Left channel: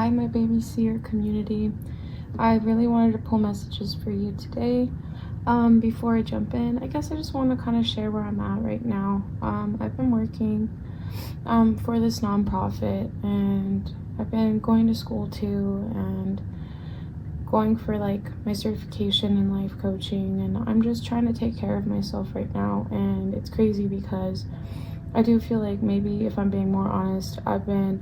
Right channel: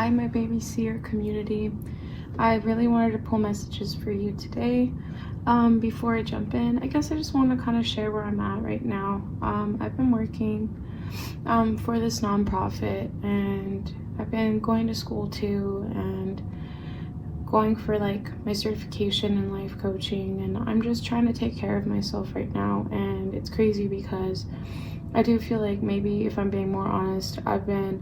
Hi, my baby seer community. I really wanted to pull messages for you today. Before I jump in, I guess I just want to kind of share where I'm at right now. I've been working for this nonprofit, and I've been going to school too, and going for like my certification in life coaching, and I'm just trying to take care of myself right now. And it's crazy because I do feel like, maybe if I'm being more honest, I've been,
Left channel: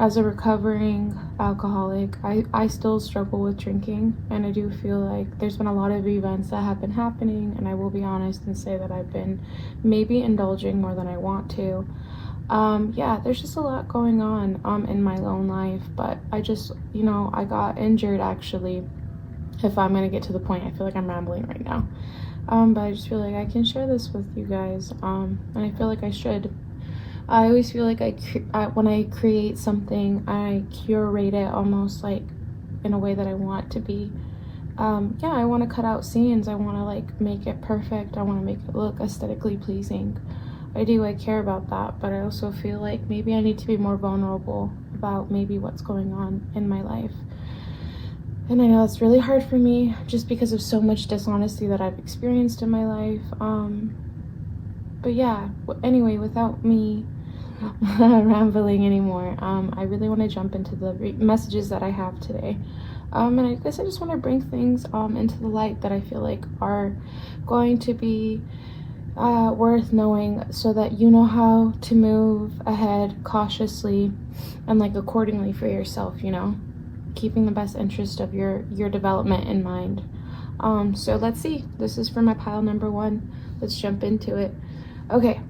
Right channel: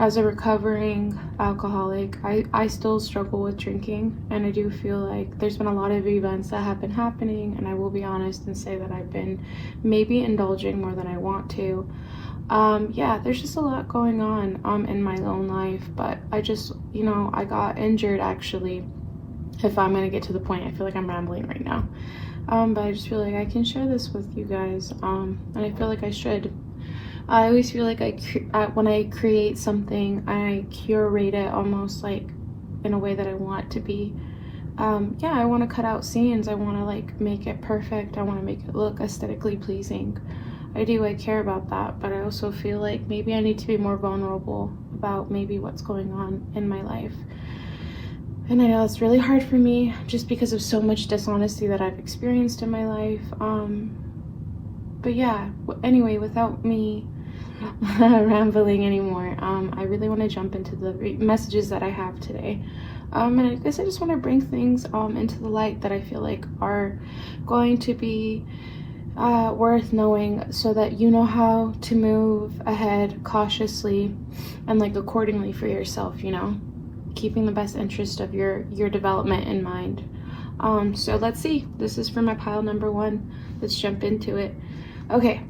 as a recovering alcoholic, I still struggle with drinking, and I do feel like there's been a lot of events that have been happening, and I will be honest and say that I've been maybe indulging more than I want to. There's just a lot going on in my own life, but I just, I got injured actually. If I'm gonna get to the point, I feel like I'm rambling right now. But I just feel like I can share this with you guys, and I feel like I should. I always feel like when I create something, I curate it almost like in a way that I want it to be. I want to cut out scenes. I want to like make it perfect. I want to make it look aesthetically pleasing. I care about that, but I also feel like maybe I need to be more vulnerable about maybe what's going on in my life. And I know it's really hard for me just because of so much dishonesty that I've experienced in my life. Anyway, without me rambling anymore, I really want to jump into the messages that I have today. And I guess I just want to bring things into the light that I feel like are going to be worth knowing, so that you know how to move ahead cautiously and like accordingly for yourself, keeping the best interest of your development in mind. So let's see. This is for my pile number 1. Let's jump into it. Okay,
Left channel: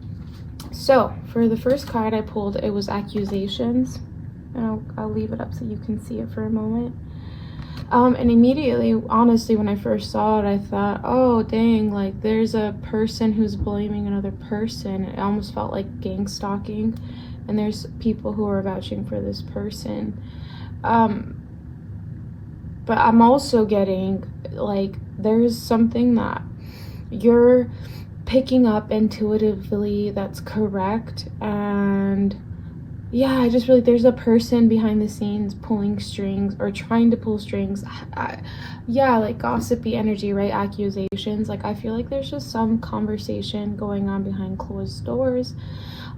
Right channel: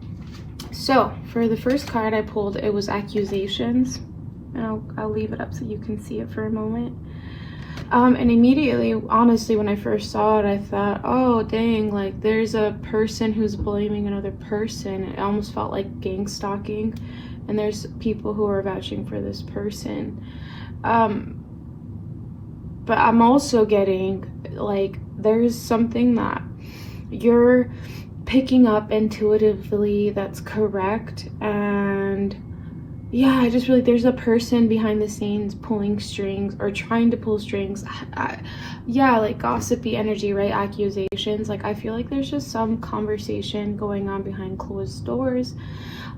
so for the first card I pulled, it was accusations. And I'll leave it up so you can see it for a moment. And immediately, honestly, when I first saw it, I thought, oh dang, like there's a person who's blaming another person. It almost felt like gang stalking, and there's people who are vouching for this person. But I'm also getting like there's something that you're picking up intuitively that's correct. And I just feel like there's a person behind the scenes pulling strings or trying to pull strings. Like gossipy energy, right? Accusations. Like I feel like there's just some conversation going on behind closed doors.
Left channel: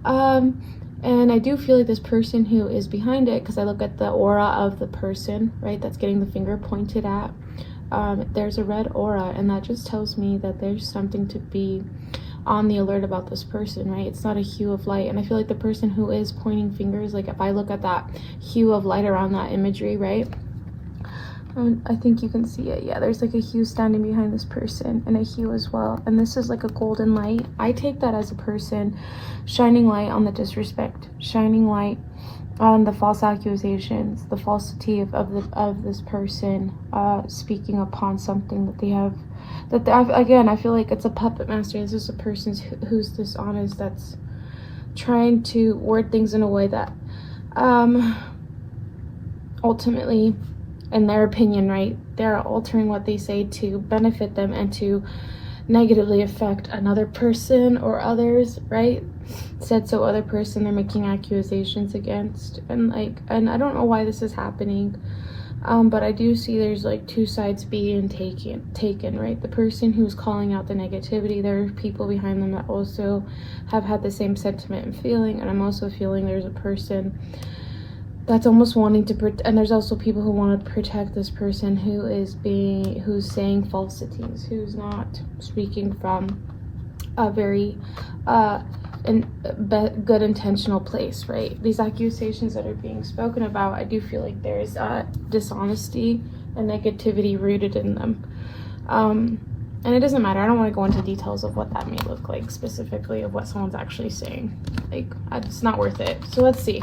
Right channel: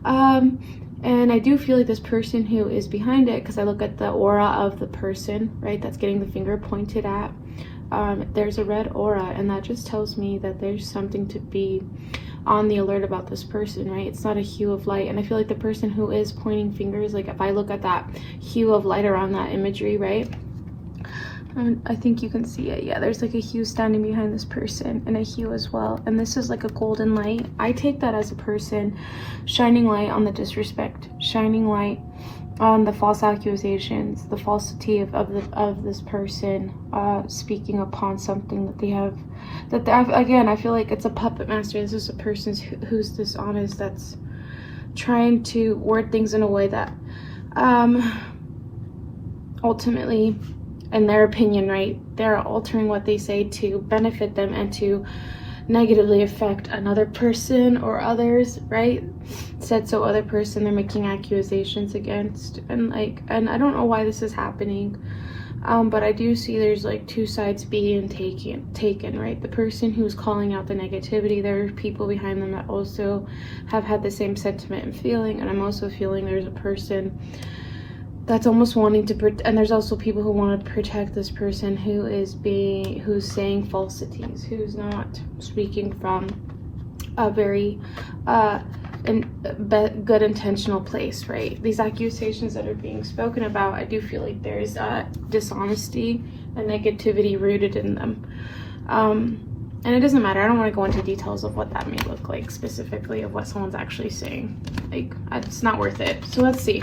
And I do feel like this person who is behind it, because I look at the aura of the person, right, that's getting the finger pointed at. There's a red aura, and that just tells me that there's something to be on the alert about this person, right? It's not a hue of light. And I feel like the person who is pointing fingers, like if I look at that hue of light around that imagery, right, I think you can see it. There's like a hue standing behind this person, and a hue as well, and this is like a golden light. I take that as a person shining light on the disrespect, shining light on the false accusations, the falsity of this person speaking upon something that they have, I feel like it's a puppet master. This is a person who's dishonest, that's trying to word things in a way that ultimately, in their opinion, right, they're altering what they say to benefit them and to negatively affect another person or others, right? Said so other person they're making accusations against, and I don't know why this is happening, but I do see there's like two sides being taken, right? The person who's calling out the negativity, there are people behind them that also have had the same sentiment and feeling, and I'm also feeling there's a person that's almost wanting to and there's also people who want to protect this person who's saying falsities, who's not speaking from a very good intentional place, right? These accusations that are being spoken about, I do feel like there's dishonesty and negativity rooted in them. And it doesn't matter. I don't want to go into details of what that may look like specifically, of what someone's actually saying. Like, it's not worth it. So let's see.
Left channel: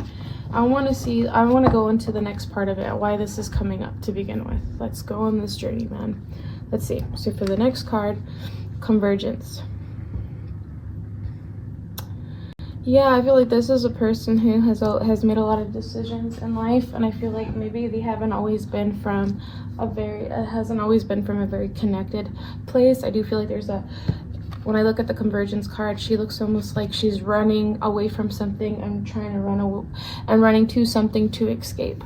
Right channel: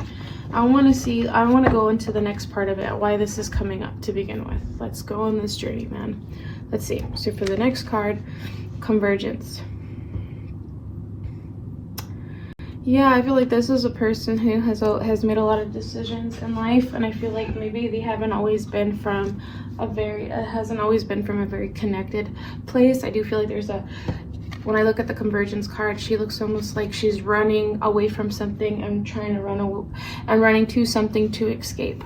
I want to go into the next part of it, why this is coming up to begin with. Let's go on this journey, man. Let's see. So for the next card, convergence. I feel like this is a person who has made a lot of decisions in life, and I feel like maybe they hasn't always been from a very connected place. I do feel like there's a when I look at the Convergence card, she looks almost like she's running away from something and trying to running to something to escape,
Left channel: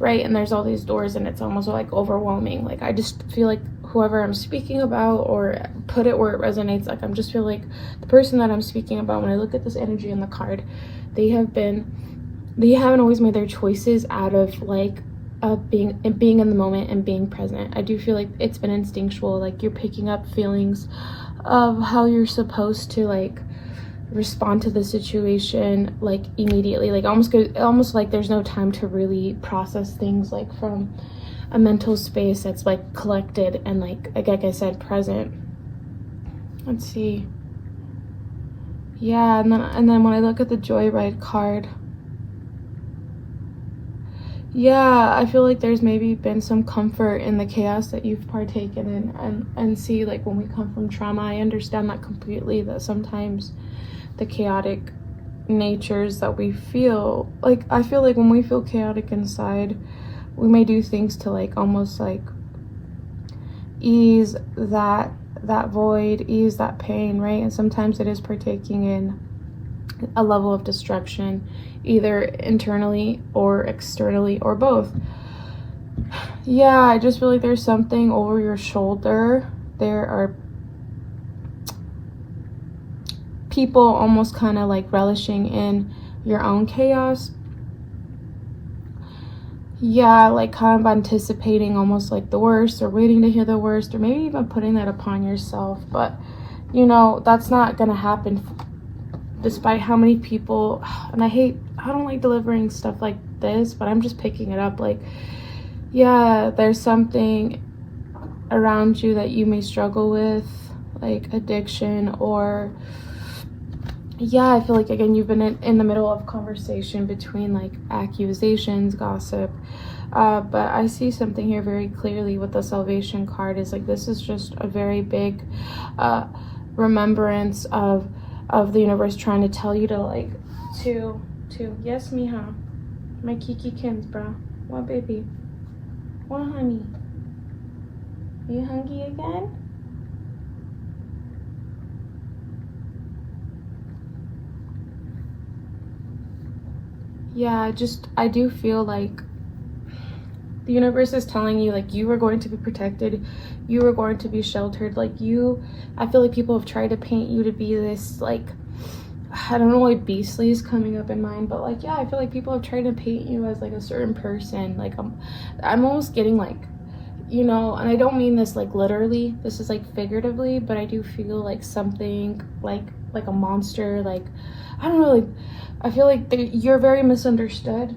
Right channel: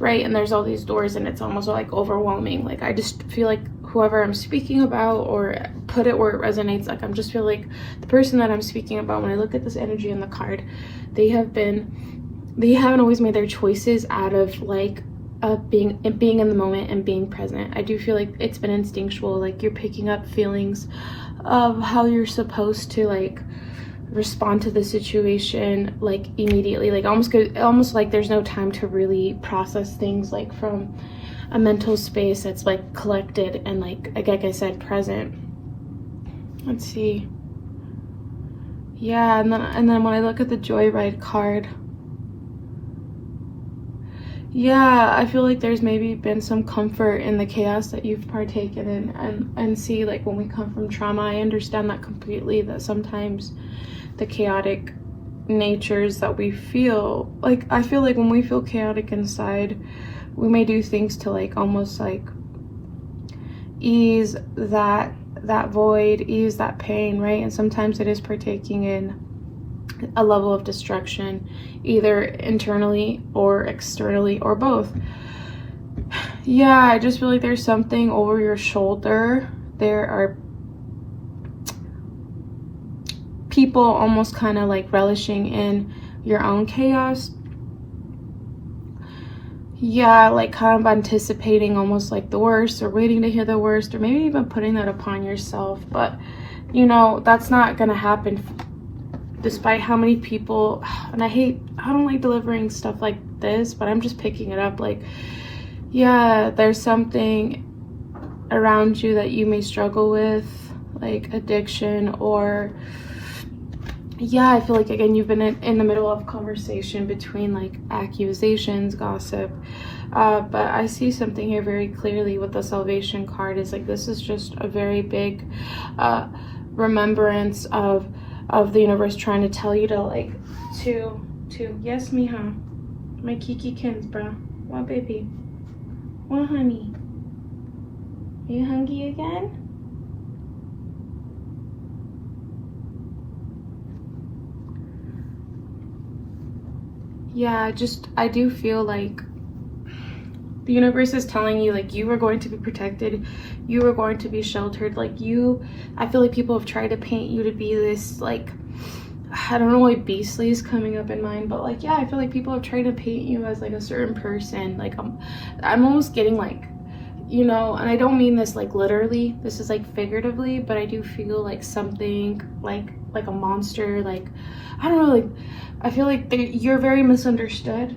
right? And there's all these doors and it's almost like overwhelming. Like I just feel like whoever I'm speaking about, or put it where it resonates, like I'm just feel like the person that I'm speaking about, when I look at this energy in the card, they haven't always made their choices out of like being in the moment and being present. I do feel like it's been instinctual, like you're picking up feelings of how you're supposed to like respond to the situation like immediately, like almost like there's no time to really process things, like from a mental space that's like collected and like I said, present. Let's see. Yeah, and then when I look at the Joyride card, yeah, I feel like there's maybe been some comfort in the chaos that you've partaken in, and see, like when we come from trauma, I understand that completely, that sometimes the chaotic natures that we feel, like I feel like when we feel chaotic inside, we may do things to like almost like ease that void, ease that pain, right? And sometimes it is partaking in a level of destruction, either internally or externally or both. Yeah, I just feel like there's something over your shoulder. There are people almost kind of like relishing in your own chaos. Yeah, like kind of anticipating almost like the worst, or waiting to hear the worst, or maybe even putting that upon yourself. But you know, that's not gonna happen, despite how many people, and I don't like delivering stuff like this, but I'm just picking it up. Like, yeah, there's something around you that you may struggle with, like addiction, or yeah, I feel like again you've been in the middle of conversation between like accusations, gossip, but I see something here very clearly with the Salvation card. Is like this is just a very big remembrance of the universe trying to tell you to like to yes, mija, my kiki kins, bro. What, baby? What, honey? Are you hungry again? Yeah, I do feel like the universe is telling you like you are going to be protected, you are going to be sheltered. Like I feel like people have tried to paint you to be this, like, I don't know why beastly is coming up in mind, but like, yeah, I feel like people have tried to paint you as like a certain person. Like I'm almost getting like, you know, and I don't mean this like literally, this is like figuratively, but I do feel like something like a monster, like, I don't know, like, I feel like you're very misunderstood.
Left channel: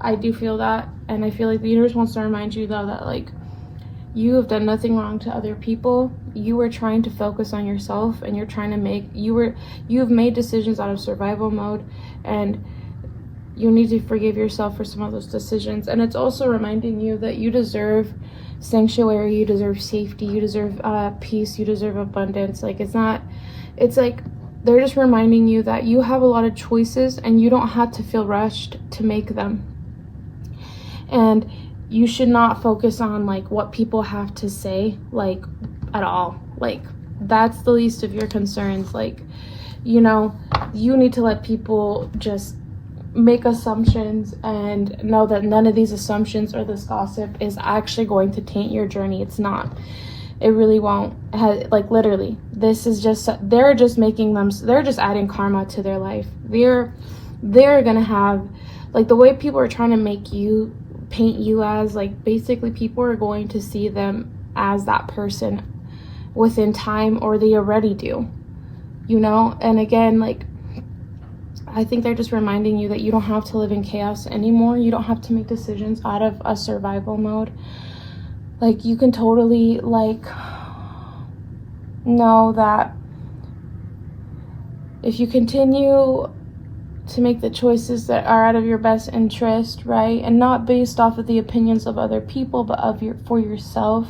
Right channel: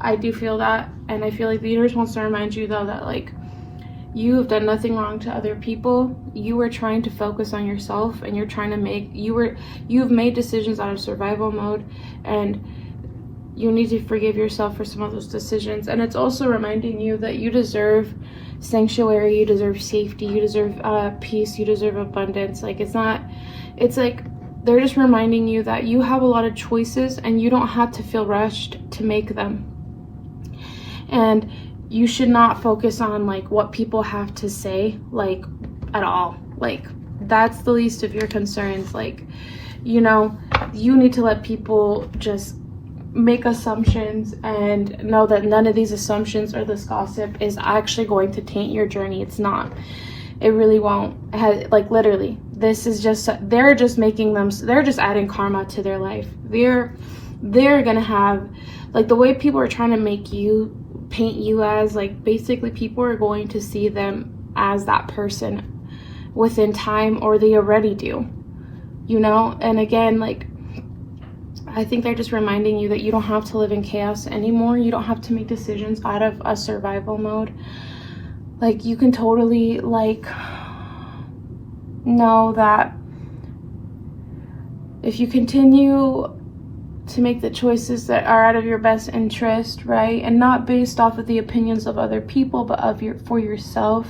I do feel that, and I feel like the universe wants to remind you though that like you have done nothing wrong to other people. You were trying to focus on yourself, and you're trying to you've made decisions out of survival mode, and you need to forgive yourself for some of those decisions. And it's also reminding you that you deserve sanctuary, you deserve safety, you deserve peace, you deserve abundance. Like it's like they're just reminding you that you have a lot of choices and you don't have to feel rushed to make them. And you should not focus on like what people have to say, like, at all. Like, that's the least of your concerns. Like, you know, you need to let people just make assumptions and know that none of these assumptions or this gossip is actually going to taint your journey. It's not. It really won't. Like, literally, this is just, they're just adding karma to their life. They're gonna have, like, the way people are trying to paint you as, like, basically people are going to see them as that person within time, or they already do, you know? And again, like, I think they're just reminding you that you don't have to live in chaos anymore. You don't have to make decisions out of a survival mode. Like, you can totally, like, know that if you continue to make the choices that are out of your best interest, right, and not based off of the opinions of other people, but for yourself,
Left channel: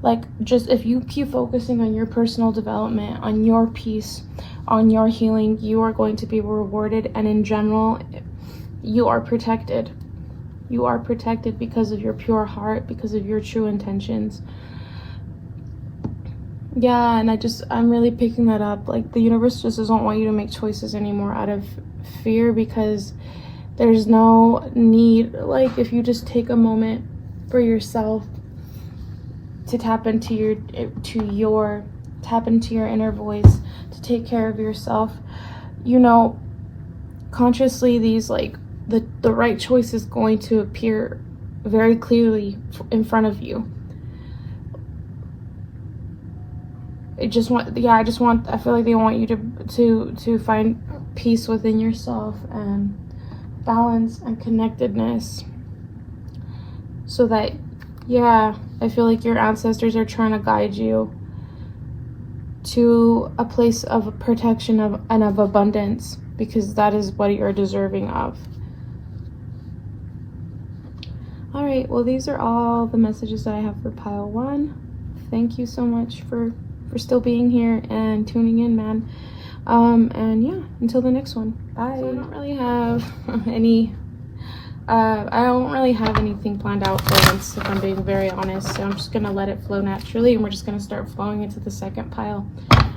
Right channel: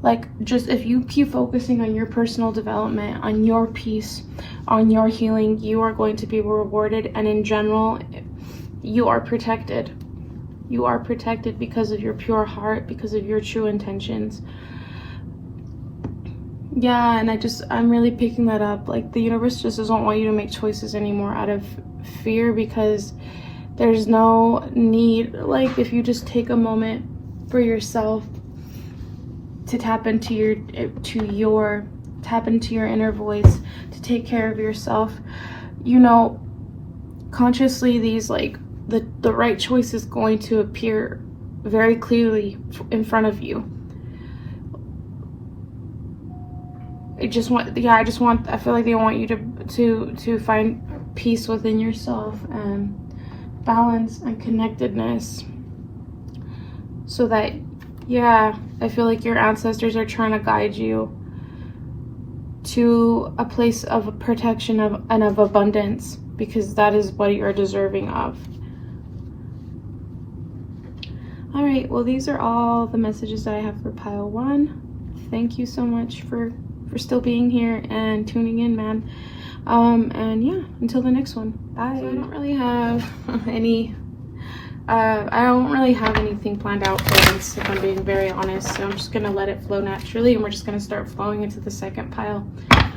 like, just if you keep focusing on your personal development, on your peace, on your healing, you are going to be rewarded. And in general, you are protected. You are protected because of your pure heart, because of your true intentions. Yeah, and I'm really picking that up. Like, the universe just doesn't want you to make choices anymore out of fear, because there's no need. Like, if you just take a moment for yourself to tap into your inner voice, to take care of yourself, consciously, these, like, the right choice is going to appear very clearly in front of you. I feel like they want you to find peace within yourself and balance and connectedness, so that, I feel like your ancestors are trying to guide you to a place of protection and of abundance, because that is what you're deserving of. All right, well, these are all the messages that I have for pile 1. Thank you so much for still being here and tuning in, man. And yeah, until the next one, bye. So I don't really have anything planned out for this, if I'm being very honest. So I'm just gonna let it flow naturally, and we're just gonna start flowing into the second pile,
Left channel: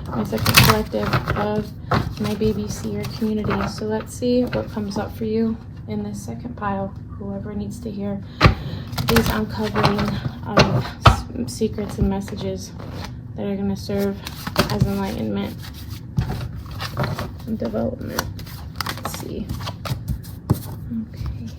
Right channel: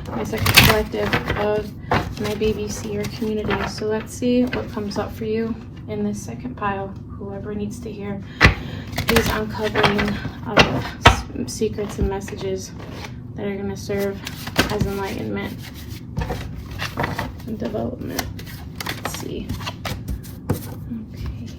my second collective of my baby seer community. So let's see what comes up for you in this second pile. Whoever needs to hear these uncovering of secrets and messages that are going to serve as enlightenment and development. Let's see. Okay.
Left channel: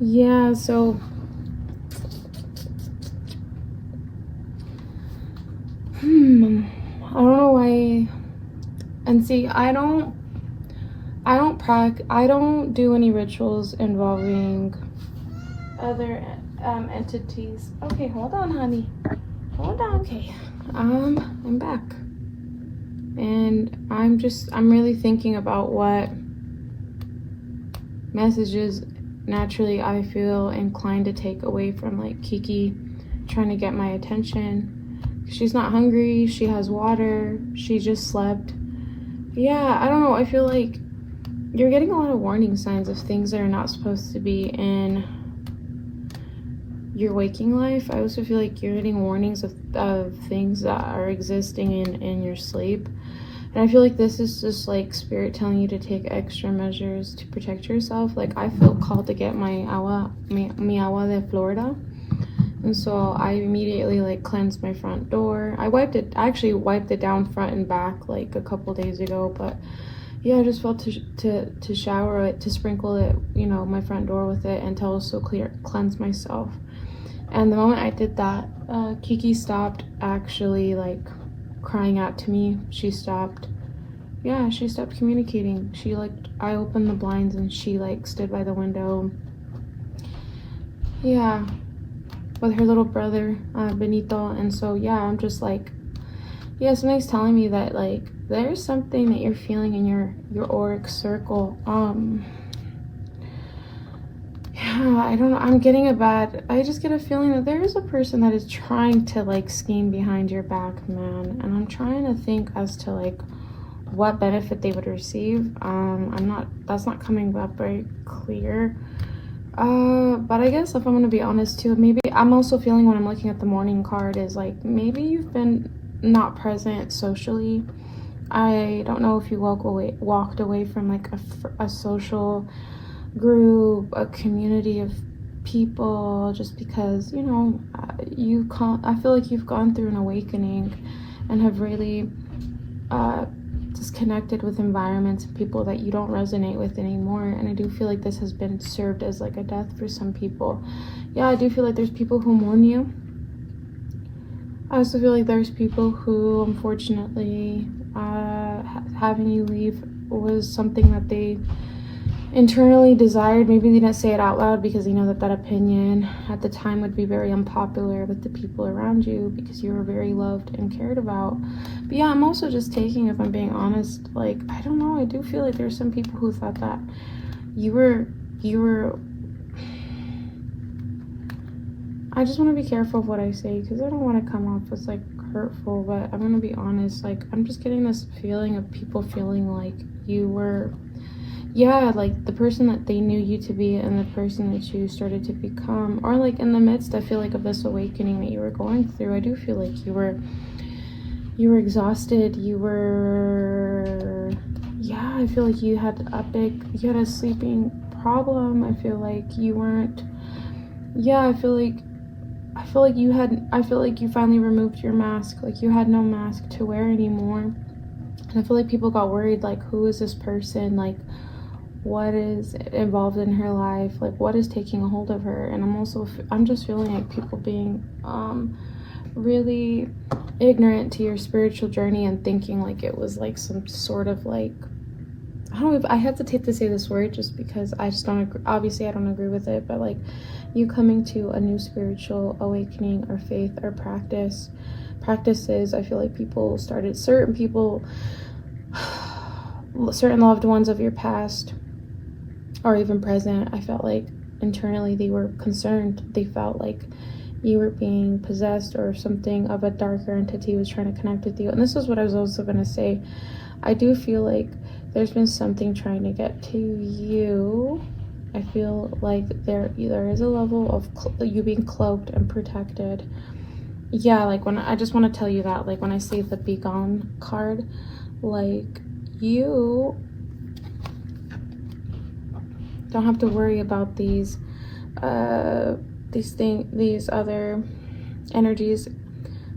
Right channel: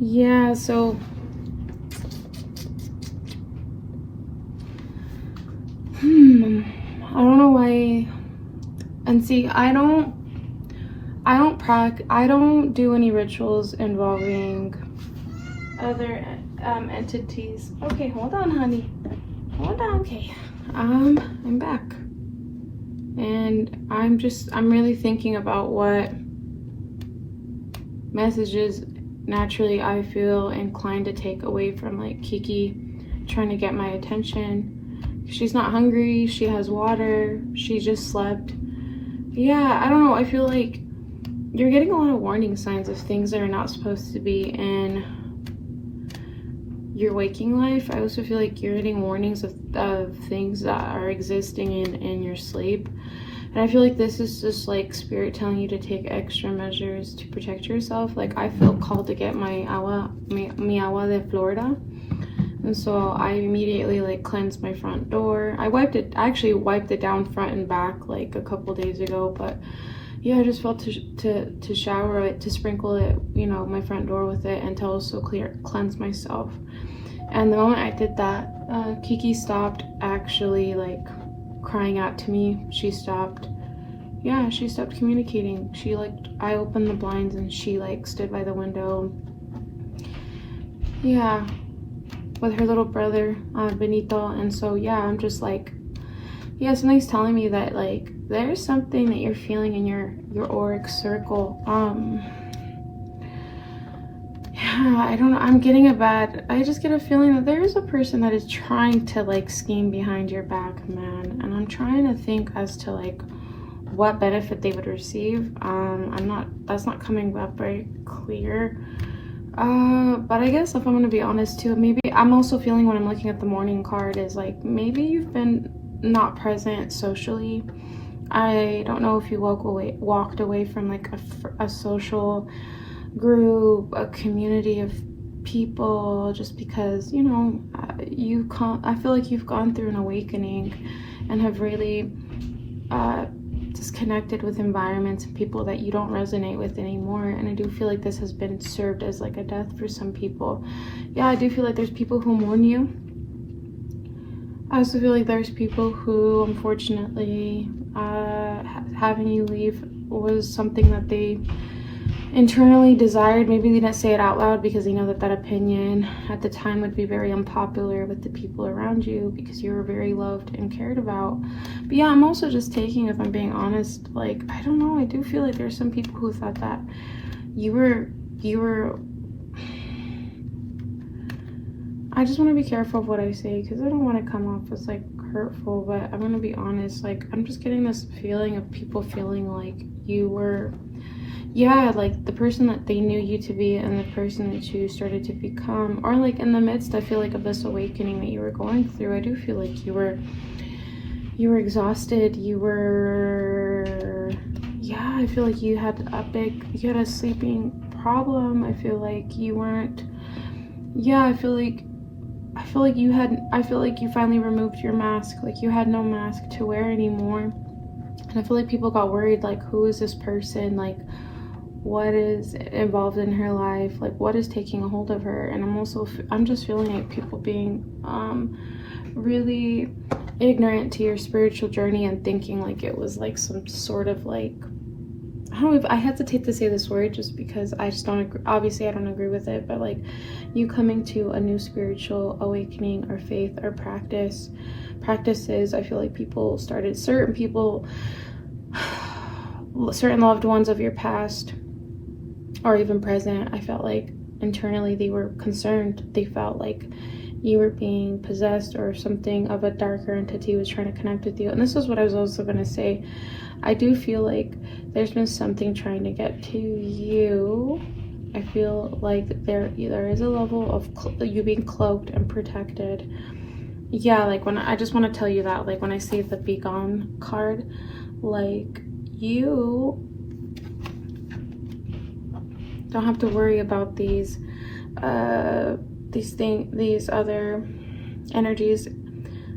Yeah, so I don't know why. And see, I don't do any rituals involving other entities. Okay, hold on, honey. Hold on. Okay. I'm back. And I'm really thinking about what messages naturally I feel inclined to take away from, like, Kiki trying to get my attention. She's not hungry, she has water, she just slept. Yeah, I don't know, I feel like you're getting a lot of warning signs of things that are not supposed to be in your waking life. I also feel like you're getting warnings of things that are existing in your sleep. And I feel like this is just, like, spirit telling you to take extra measures to protect yourself. Like, I feel called to get mi agua de Florida. And so I immediately, like, cleansed my front door. I actually wiped it down front and back, like, a couple days ago. But yeah, I just felt to shower it, to sprinkle it, my front door with it, and to also cleanse myself. And the moment I did that, Kiki stopped actually, like, crying out to me. She stopped communicating. I opened the blinds and she, like, stood by the window, with her little brother, Benito. And so I'm just like, something's telling me that, like, there's something that you're feeling in your auric circle. I don't know, I just get a feeling that there is a person that is trying to, like, scheme behind your back, man. And I'm trying to think as to, like, what benefit they would receive. That's not coming up very clear. But I guess if I'm gonna be honest too, maybe I'm also feeling, when I'm looking at the morning card, is like, maybe you've been not present socially. I don't know if you walked away from, like, a social group, a community of people, just because, I feel like you've gone through an awakening and have really disconnected with environments and people that you don't resonate with anymore. And I do feel like this has been served as, like, a death for some people. I do feel like there's people who mourn you. I also feel like there's people who, unfortunately, having you leave was something that they internally desired. Maybe they didn't say it out loud because they know that opinion at the time would be very unpopular with the people around you, because you were very loved and cared about. But I'm also just taking, if I'm being honest, like, I don't know, I do feel like there's some people who thought that you were I just want to be careful of what I say because I don't want to come off as like hurtful, but I want to be honest. Like, I'm just getting this feeling of people feeling like you were, yeah, like the person that they knew you to be and the person that you started to become, or like in the midst, I feel like, of this awakening that you were going through. I do feel like you were exhausted. Yeah, I feel like you had a sleeping problem. I feel like you weren't, yeah, I feel like you finally removed your mask. Like, you had no mask to wear anymore. And I feel like people got worried, like, who is this person? Like, what is involved in her life? Like, what is taking a hold of her? And I'm just feeling like people being really ignorant to your spiritual journey and thinking like it was like some sort of like, I don't know if I hesitate to say this word just because I just don't agree. Obviously I don't agree with it, but like you coming to a new spiritual awakening or faith or practices. I feel like certain loved ones of your past or even present, I felt like internally they were concerned. They felt like you were being possessed or something of a darker entity was trying to connect with you. And this is what I was also going to say. I do feel like there's been something trying to get to you. I feel like there is a level of you being cloaked and protected. Yeah, like when I just want to tell you that, like when I see the Be Gone card, like you don't have to worry about these other energies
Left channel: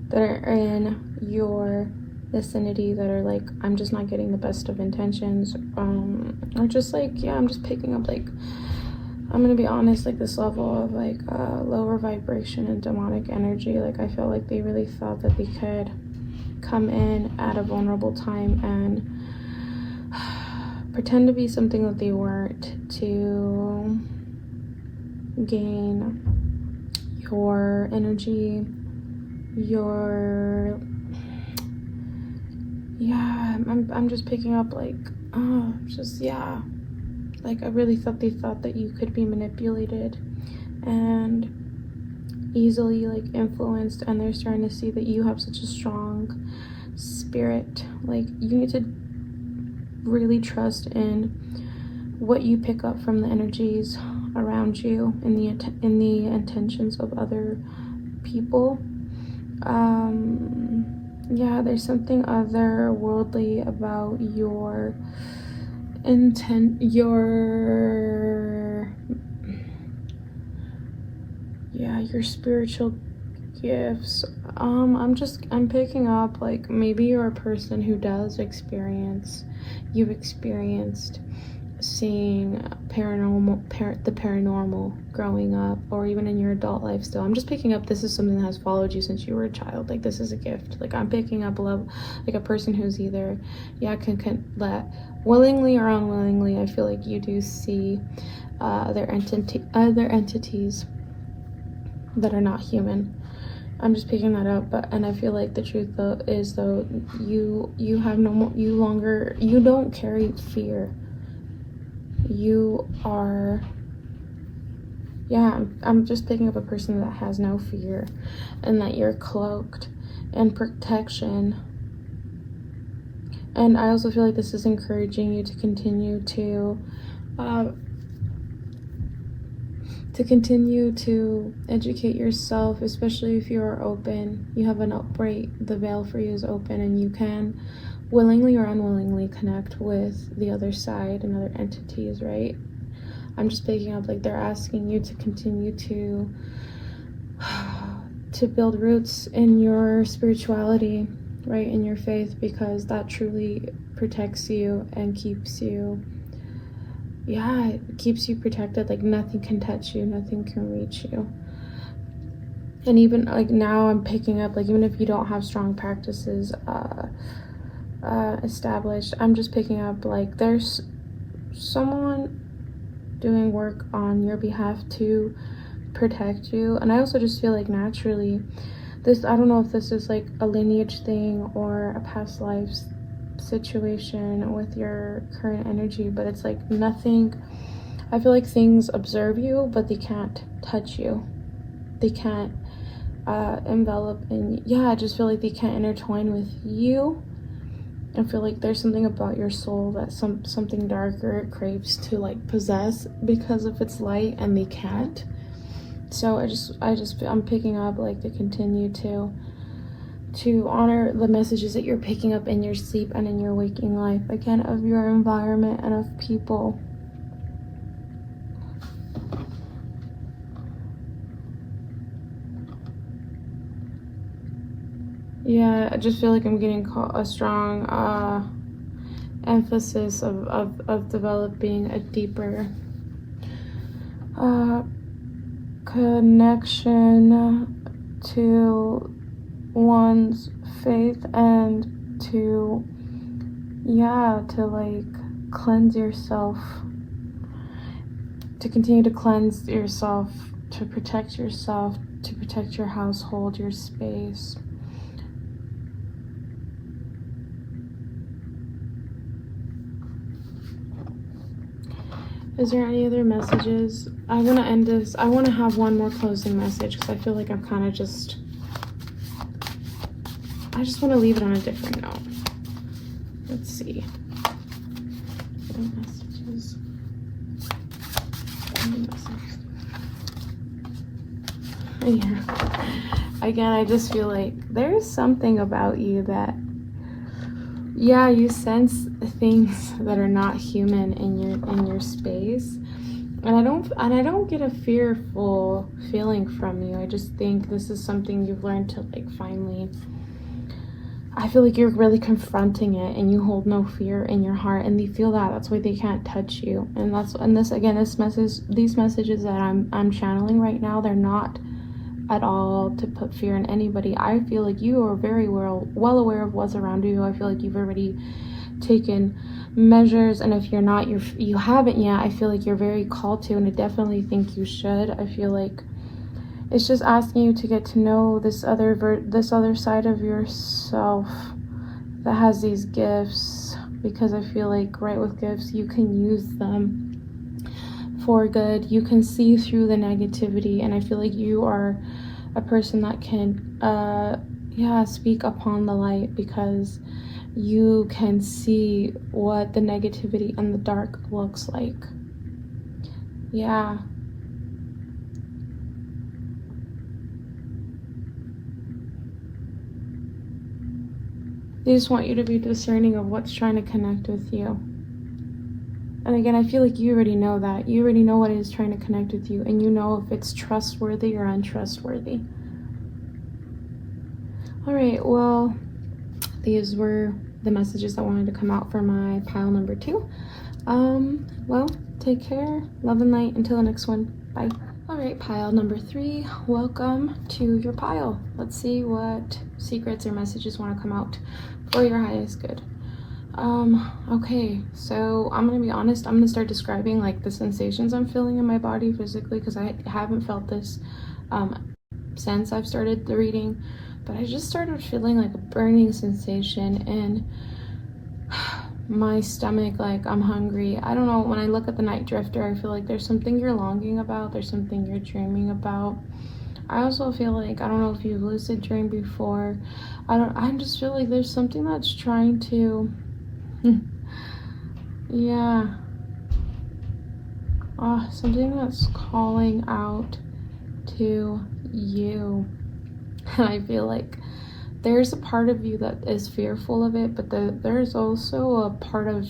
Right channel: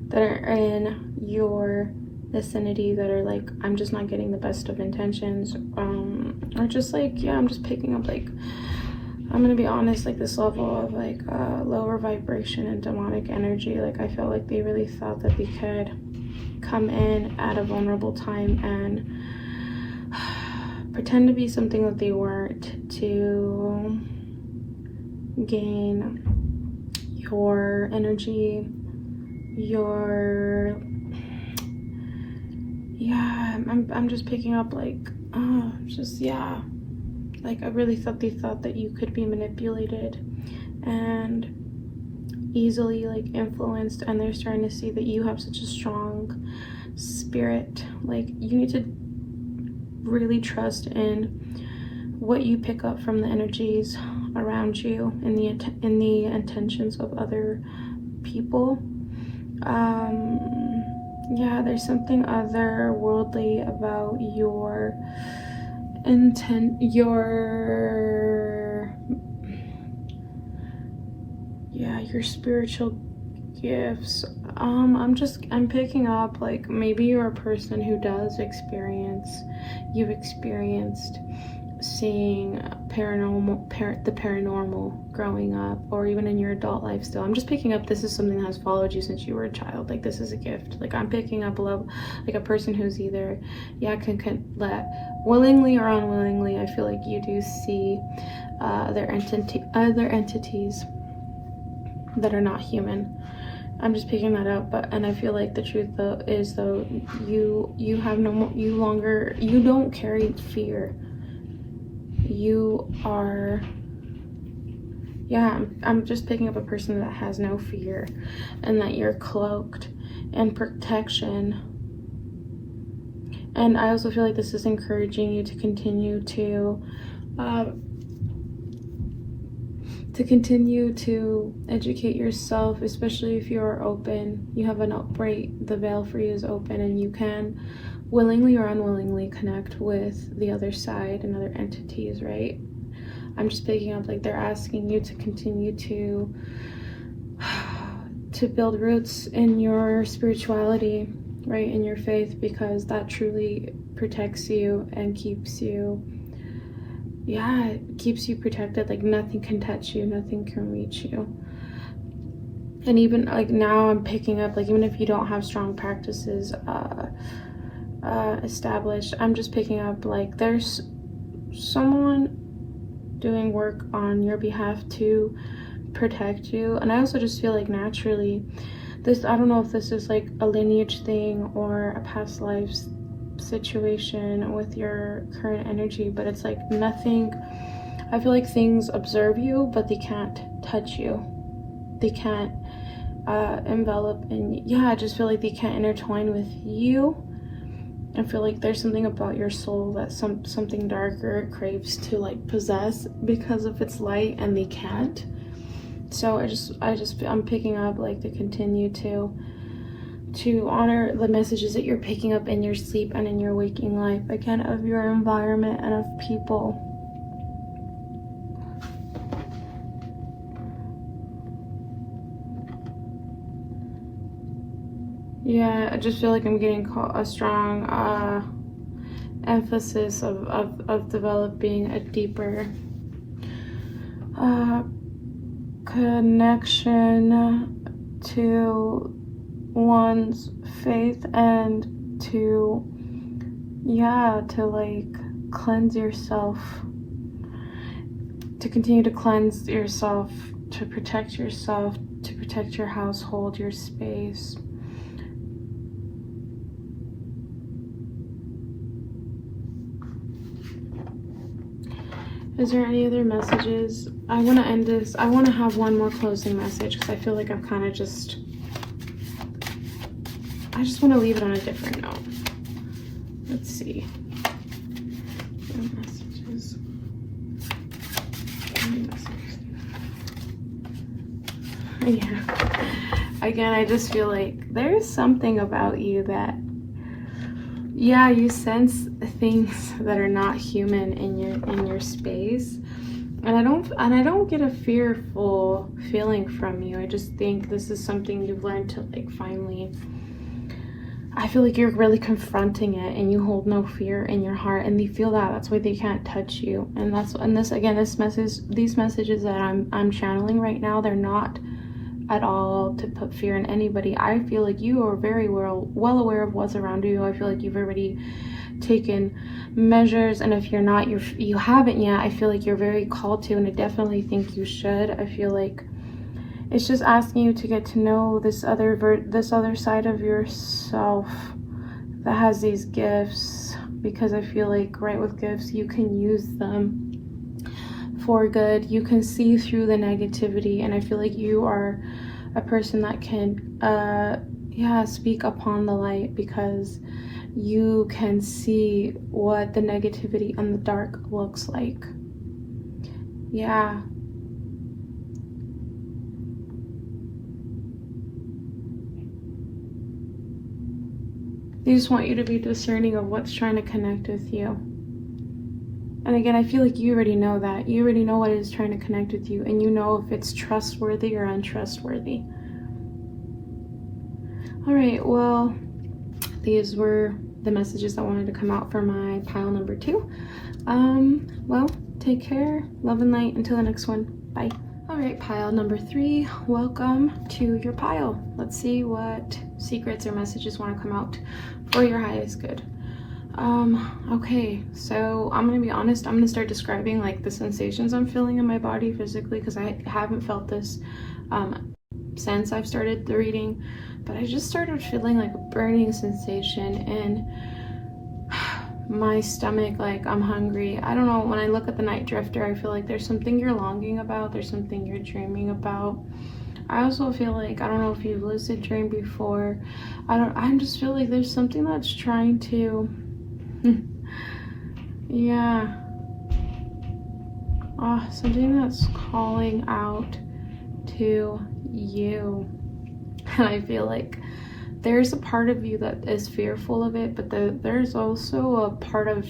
that are in your vicinity that are like, I'm just not getting the best of intentions, or just like, yeah, I'm just picking up, like, I'm gonna be honest, like this level of like lower vibration and demonic energy. Like, I feel like they really thought that they could come in at a vulnerable time and pretend to be something that they weren't to gain your energy, I'm just picking up like, like I really thought they thought that you could be manipulated and easily like influenced, and they're starting to see that you have such a strong spirit. Like, you need to really trust in what you pick up from the energies around you in the intentions of other people. Yeah, there's something otherworldly about your spiritual gifts. I'm picking up like maybe you're a person who you've experienced seeing the paranormal growing up, or even in your adult life still. I'm just picking up this is something that has followed you since you were a child. Like, this is a gift. Like, I'm picking up like a person who's either can let willingly or unwillingly. I feel like you do see other entities that are not human. I'm just picking that up, and I feel like the truth is you don't carry fear. You are, I'm just picking up a person that has no fear, and that you're cloaked in protection. And I also feel like this is encouraging you to continue to educate yourself, especially if you're open. You have the veil for you is open, and you can willingly or unwillingly connect with the other side and other entities, right? I'm just picking up like they're asking you to continue to build roots in your spirituality, right, in your faith, because that truly protects you and keeps you protected. Like, nothing can touch you, nothing can reach you. And even like now I'm picking up, like, even if you don't have strong practices established, I'm just picking up like there's someone doing work on your behalf to protect you. And I also just feel like naturally this, I don't know if this is like a lineage thing or a past lives situation with your current energy, but it's like nothing, I feel like things observe you but they can't touch you. they can't envelop in, yeah, I just feel like they can't intertwine with you. I feel like there's something about your soul that something darker craves to like possess because of its light, and they can't. So I'm picking up like to continue to honor the messages that you're picking up in your sleep and in your waking life, again, of your environment and of people. Yeah, I just feel like I'm getting a strong emphasis of developing a deeper connection to one's faith, and to like cleanse yourself, to continue to cleanse yourself, to protect yourself, to protect your household, your space. Is there any other messages? I want to end this. I want to have one more closing message because I feel like I'm kind of just, I just want to leave it on a different note. Let's see. Messages. Yeah. Again, I just feel like there's something about you that, yeah, you sense things that are not human in your space, and I don't get a fearful feeling from you. I just think this is something you've learned to like finally, I feel like you're really confronting it, and you hold no fear in your heart, and they feel that's why they can't touch you. And these messages that I'm channeling right now, they're not at all to put fear in anybody. I feel like you are very well aware of what's around you. I feel like you've already taken measures, and if you're not, you haven't yet, I feel like you're very called to, and I definitely think you should. I feel like it's just asking you to get to know this other side of yourself that has these gifts, because I feel like right with gifts, you can use them for good. You can see through the negativity, and I feel like you are a person that can speak upon the light, because you can see what the negativity and the dark looks like. Yeah. They just want you to be discerning of what's trying to connect with you. And again, I feel like you already know that. You already know what is trying to connect with you, and you know if it's trustworthy or untrustworthy. All right, well, these were the messages that wanted to come out for my pile number 2. Well, take care. Love and light. Until the next one. Bye. All right, pile number 3. Welcome to your pile. Let's see what secrets or messages want to come out for your highest good. Okay, so I'm gonna be honest, I'm gonna start describing like the sensations I'm feeling in my body physically, because I haven't felt this since I've started the reading, but I just started feeling like a burning sensation in my stomach, like I'm hungry. I don't know, when I look at the Night Drifter, I feel like there's something you're longing about, there's something you're dreaming about. I also feel like, I don't know if you've lucid dreamed before, I just feel like there's something that's trying to something that's calling out to you. And I feel like there's a part of you that is fearful of it, but there's also a part of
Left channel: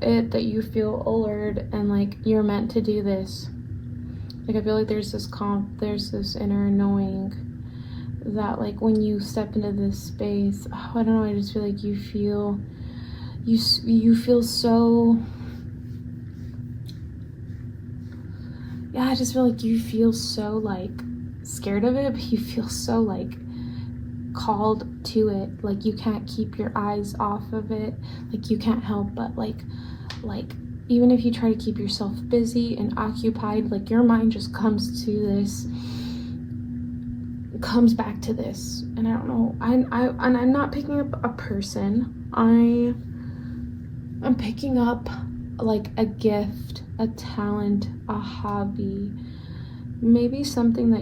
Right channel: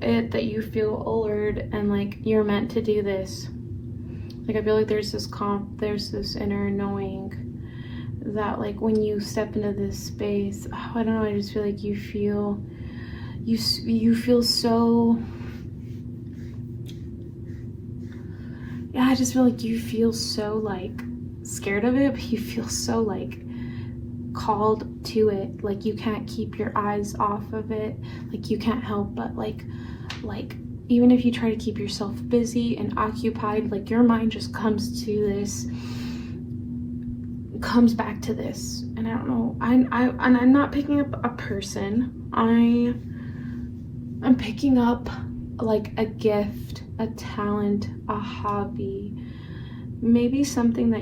it that you feel allured, and like you're meant to do this. Like I feel like there's this inner knowing that like when you step into this space, I don't know, I just feel like you feel so, I just feel like you feel so like scared of it, but you feel so like called to it. Like you can't keep your eyes off of it. Like you can't help but like even if you try to keep yourself busy and occupied, like your mind just comes back to this. And I don't know, I'm not picking up a person. I'm picking up like a gift, a talent, a hobby maybe something that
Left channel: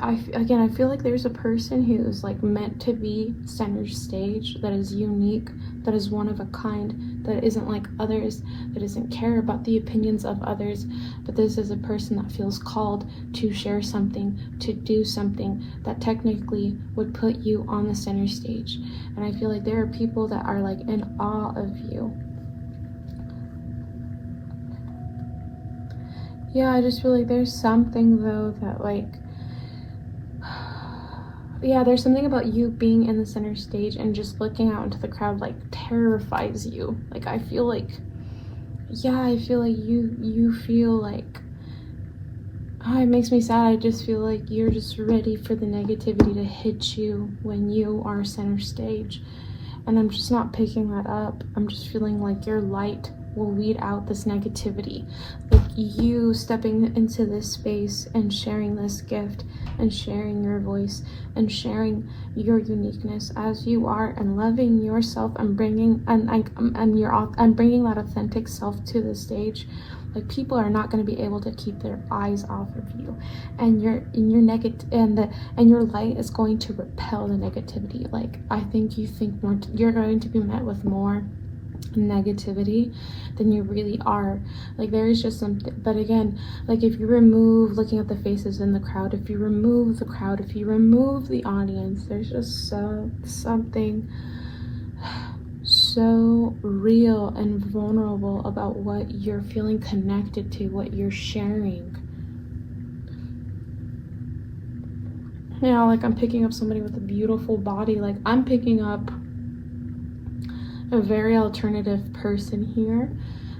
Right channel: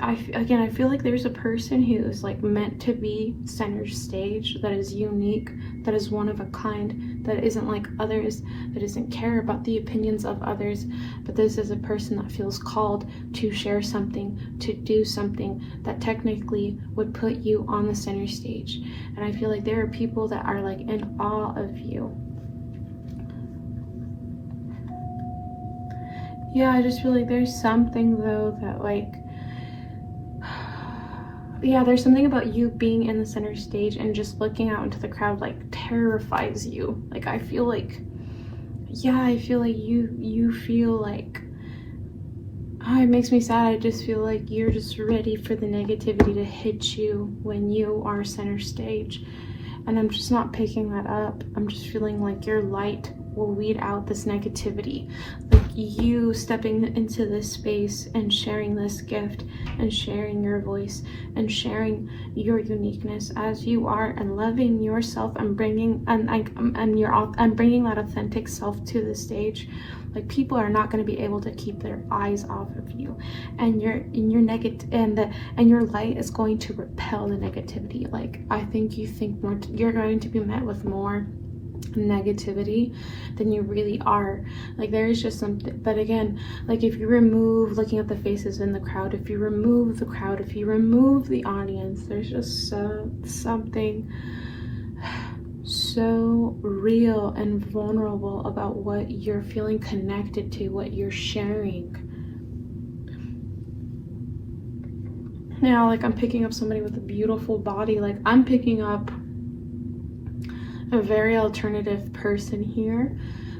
I feel like there's a person who's like meant to be center stage, that is unique, that is one of a kind, that isn't like others, that doesn't care about the opinions of others, but this is a person that feels called to share something, to do something that technically would put you on the center stage. And I feel like there are people that are like in awe of you. Yeah, I just feel like there's something though that like, yeah, there's something about you being in the center stage and just looking out into the crowd like terrifies you. Like I feel like, yeah, I feel like you feel like, oh, it makes me sad. I just feel like you're just ready for the negativity to hit you when you are center stage. And I'm just not picking that up. I'm just feeling like your light will weed out this negativity. Like you stepping into this space and sharing this gift and sharing your voice and sharing your uniqueness as you are and loving yourself and bringing bringing that authentic self to the stage. Like people are not going to be able to keep their eyes off of you, and your negative and your light is going to repel the negativity. Like I think you're going to be met with more negativity than you really are. Like there is just something, but again, like if you remove looking at the faces in the crowd, if you remove the crowd, if you remove the audience, there's just something so real and vulnerable about what you're feeling connected to, what you're sharing. Now, like I'm picking up somebody with a beautiful body. Like I'm picking up a very alternative person here.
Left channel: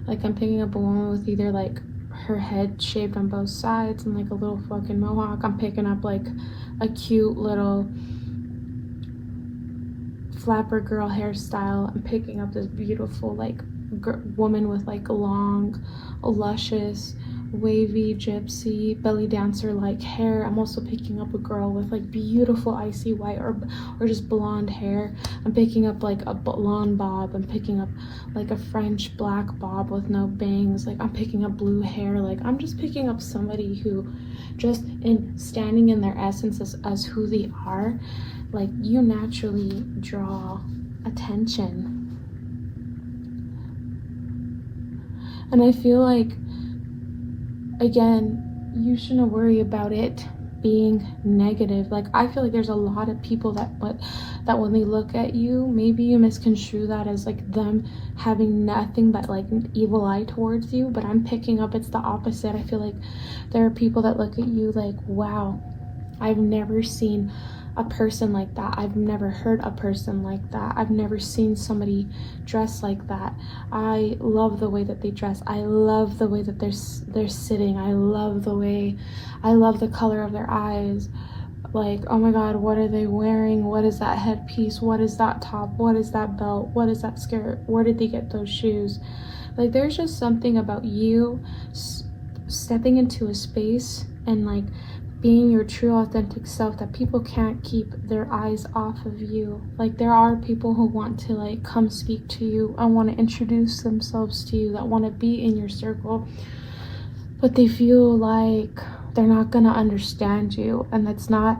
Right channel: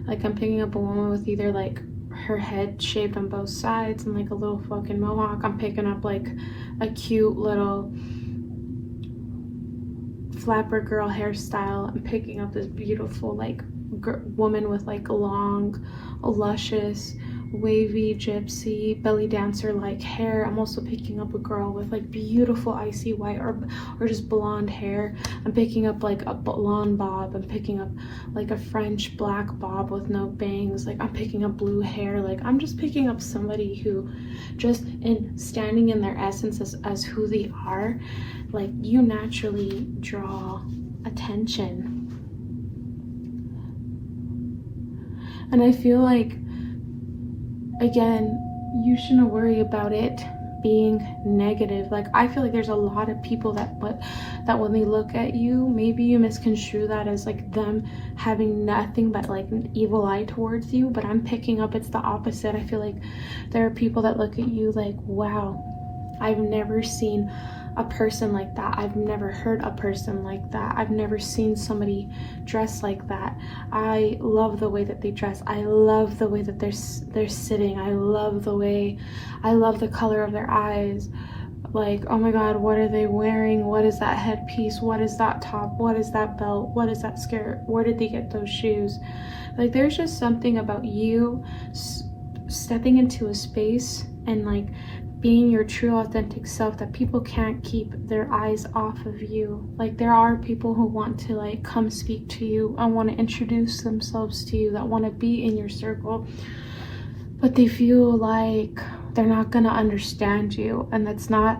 Like I'm picking up a woman with either like her head shaved on both sides and like a little fucking mohawk. I'm picking up like a cute little flapper girl hairstyle. I'm picking up this beautiful like woman with like long, luscious, wavy gypsy belly dancer like hair. I'm also picking up a girl with like beautiful icy white or just blonde hair. I'm picking up like a blonde bob. I'm picking up like a French black bob with no bangs. Like I'm picking up blue hair. Like I'm just picking up somebody who just in standing in their essence as who they are, like you naturally draw attention. And I feel like, again, you shouldn't worry about it being negative. Like I feel like there's a lot of people that when they look at you, maybe you misconstrue that as like them having nothing but like an evil eye towards you, but I'm picking up it's the opposite. I feel like there are people that look at you like, wow, I've never seen a person like that. I've never heard a person like that. I've never seen somebody dress like that. I love the way that they dress. I love the way that they're sitting. I love the color of their eyes. Like, oh my god, what are they wearing? What is that headpiece? What is that top? What is that belt? What is that skirt? Where did they get those shoes? Like there's just something about you stepping into a space and like being your true authentic self that people can't keep their eyes off of you. Like there are people who want to like come speak to you and want to introduce themselves to you, that want to be in your circle, but they feel like they're not gonna understand you. And that's not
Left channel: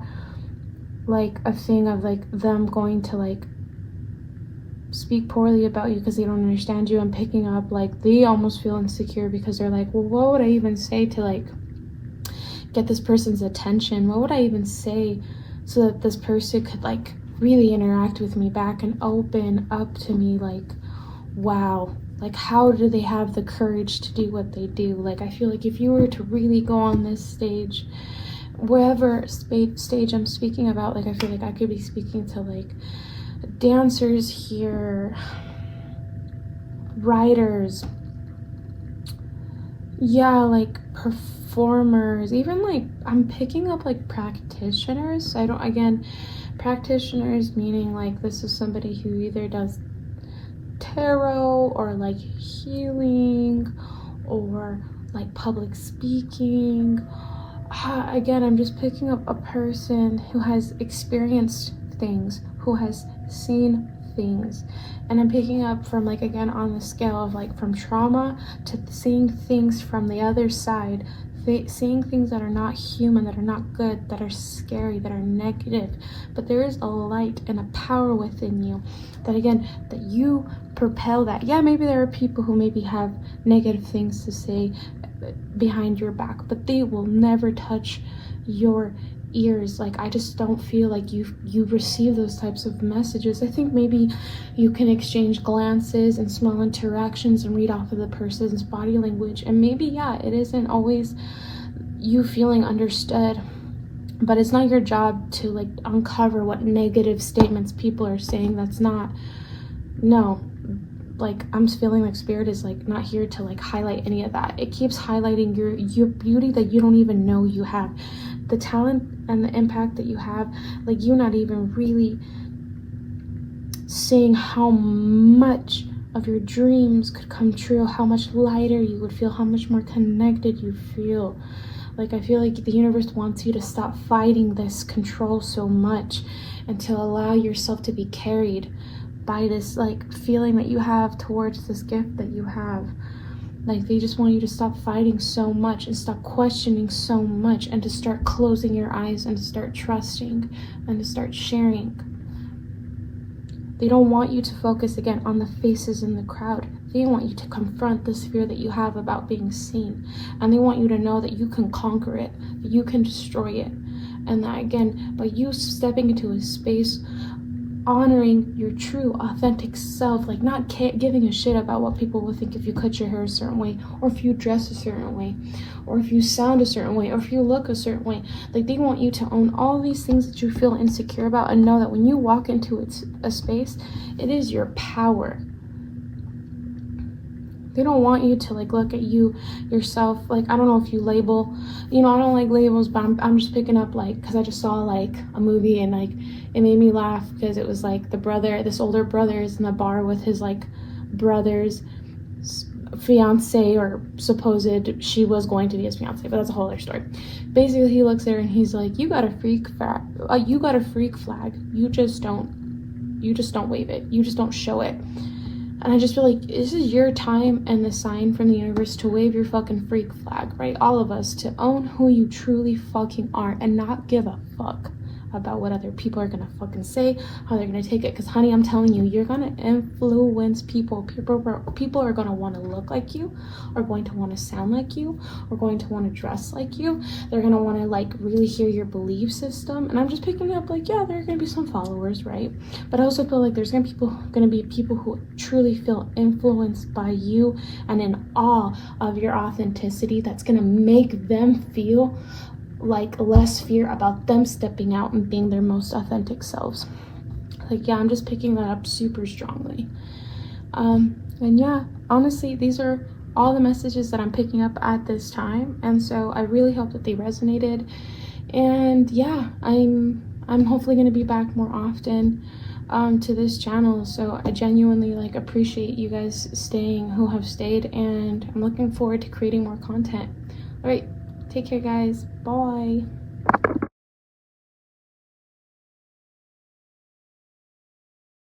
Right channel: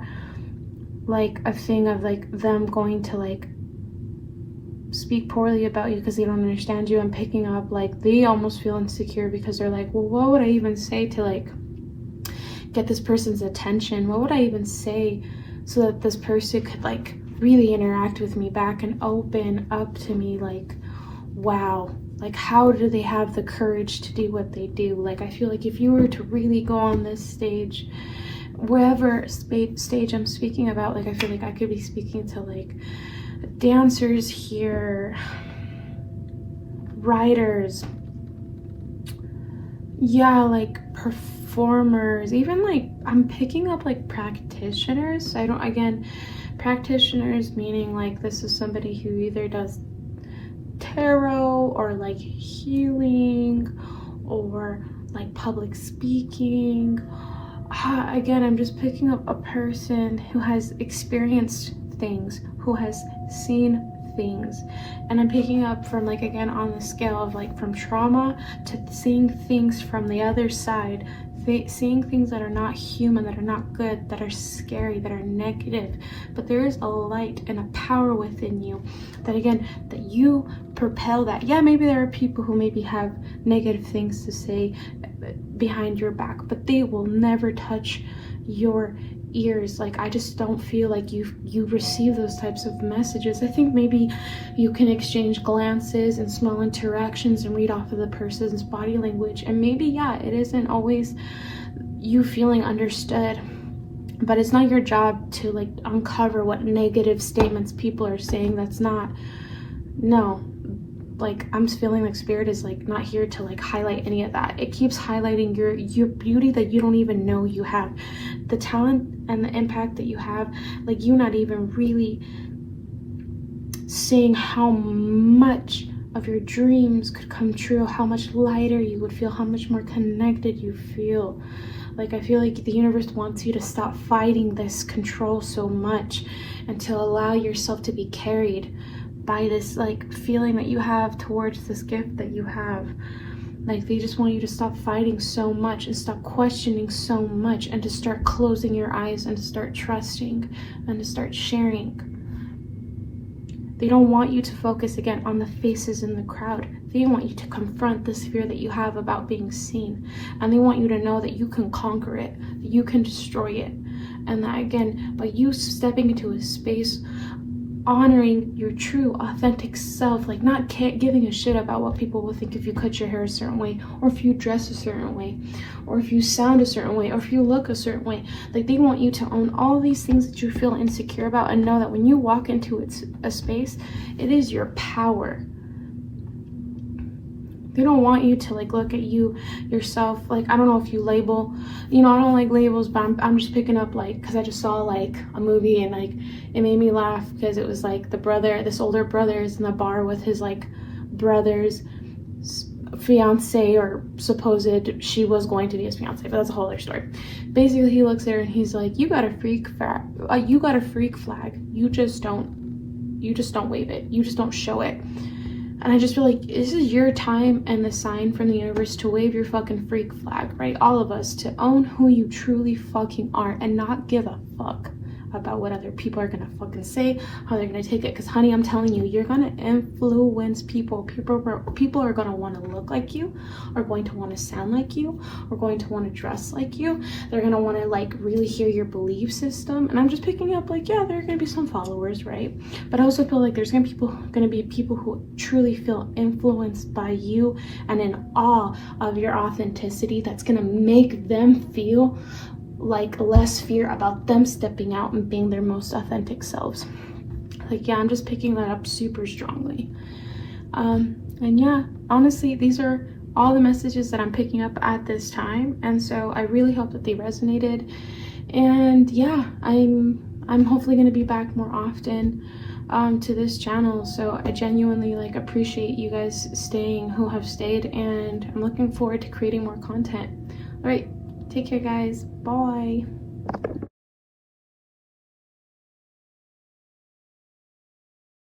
like a thing of like them going to like speak poorly about you because they don't understand you. And picking up like they almost feel insecure because they're like, well, what would I even say to like get this person's attention? What would I even say so that this person could like really interact with me back and open up to me? Like, wow, like how do they have the courage to do what they do? Like I feel like if you were to really go on this stage, wherever stage I'm speaking about, like I feel like I could be speaking to like dancers here, writers, yeah, like performers, even like I'm picking up like practitioners. Practitioners meaning like this is somebody who either does tarot or like healing or like public speaking. Again, I'm just picking up a person who has experienced things, who has seen things. And I'm picking up from like, again, on the scale of like from trauma to seeing things from the other side seeing things that are not human, that are not good, that are scary, that are negative. But there is a light and a power within you that, again, that you propel that. Yeah, maybe there are people who maybe have negative things to say behind your back, but they will never touch your ears. Like, I just don't feel like you receive those types of messages. I think maybe you can exchange glances and small interactions and read off of the person's body language, and maybe, yeah, it isn't always you feeling understood, but it's not your job to like uncover what negative statements people are saying. That's not, no, like, I'm feeling like spirit is like not here to like highlight any of that. It keeps highlighting your beauty that you don't even know you have, the talent and the impact that you have. Like, you not even really seeing how much of your dreams could come true, how much lighter you would feel, how much more connected you feel. Like, I feel like the universe wants you to stop fighting this control so much and to allow yourself to be carried by this like feeling that you have towards this gift that you have. Like, they just want you to stop fighting so much and stop questioning so much, and to start closing your eyes and to start trusting and to start sharing. They don't want you to focus again on the faces in the crowd. They want you to confront this fear that you have about being seen, and they want you to know that you can conquer it, that you can destroy it, and that, again, by you stepping into a space honoring your true authentic self, like not giving a shit about what people will think if you cut your hair a certain way, or if you dress a certain way, or if you sound a certain way, or if you look a certain way. Like, they want you to own all these things that you feel insecure about, and know that when you walk into a space, it is your power. They don't want you to like look at yourself, like, I don't know if you label, I don't like labels, but I'm just picking up, like, because I just saw like a movie and like it made me laugh, because it was like this older brother is in the bar with his like brother's fiance, or supposed, she was going to be his fiance, but that's a whole other story. Basically, he looks there and he's like, you got a freak flag, you just don't wave it, you just don't show it. And I just feel like this is your time and the sign from the universe to wave your fucking freak flag, right? All of us, to own who you truly fucking are and not give a fuck about what other people are gonna fucking say, how they're gonna take it. Because, honey, I'm telling you, you're gonna influence people. People are gonna want to look like you, are going to want to sound like you, are going to want to dress like you. They're gonna want to like really hear your belief system. And I'm just picking up, like, yeah, there are gonna be some followers, right? But I also feel like there's gonna be people who truly feel influenced by you and in awe of your authenticity. That's gonna make them feel like less fear about them stepping out and being their most authentic selves. Like, yeah, I'm just picking that up super strongly. And yeah, honestly, these are all the messages that I'm picking up at this time, and so I really hope that they resonated. And yeah, I'm hopefully going to be back more often to this channel, so I genuinely like appreciate you guys staying who have stayed, and I'm looking forward to creating more content. All right, take care, guys. Bye.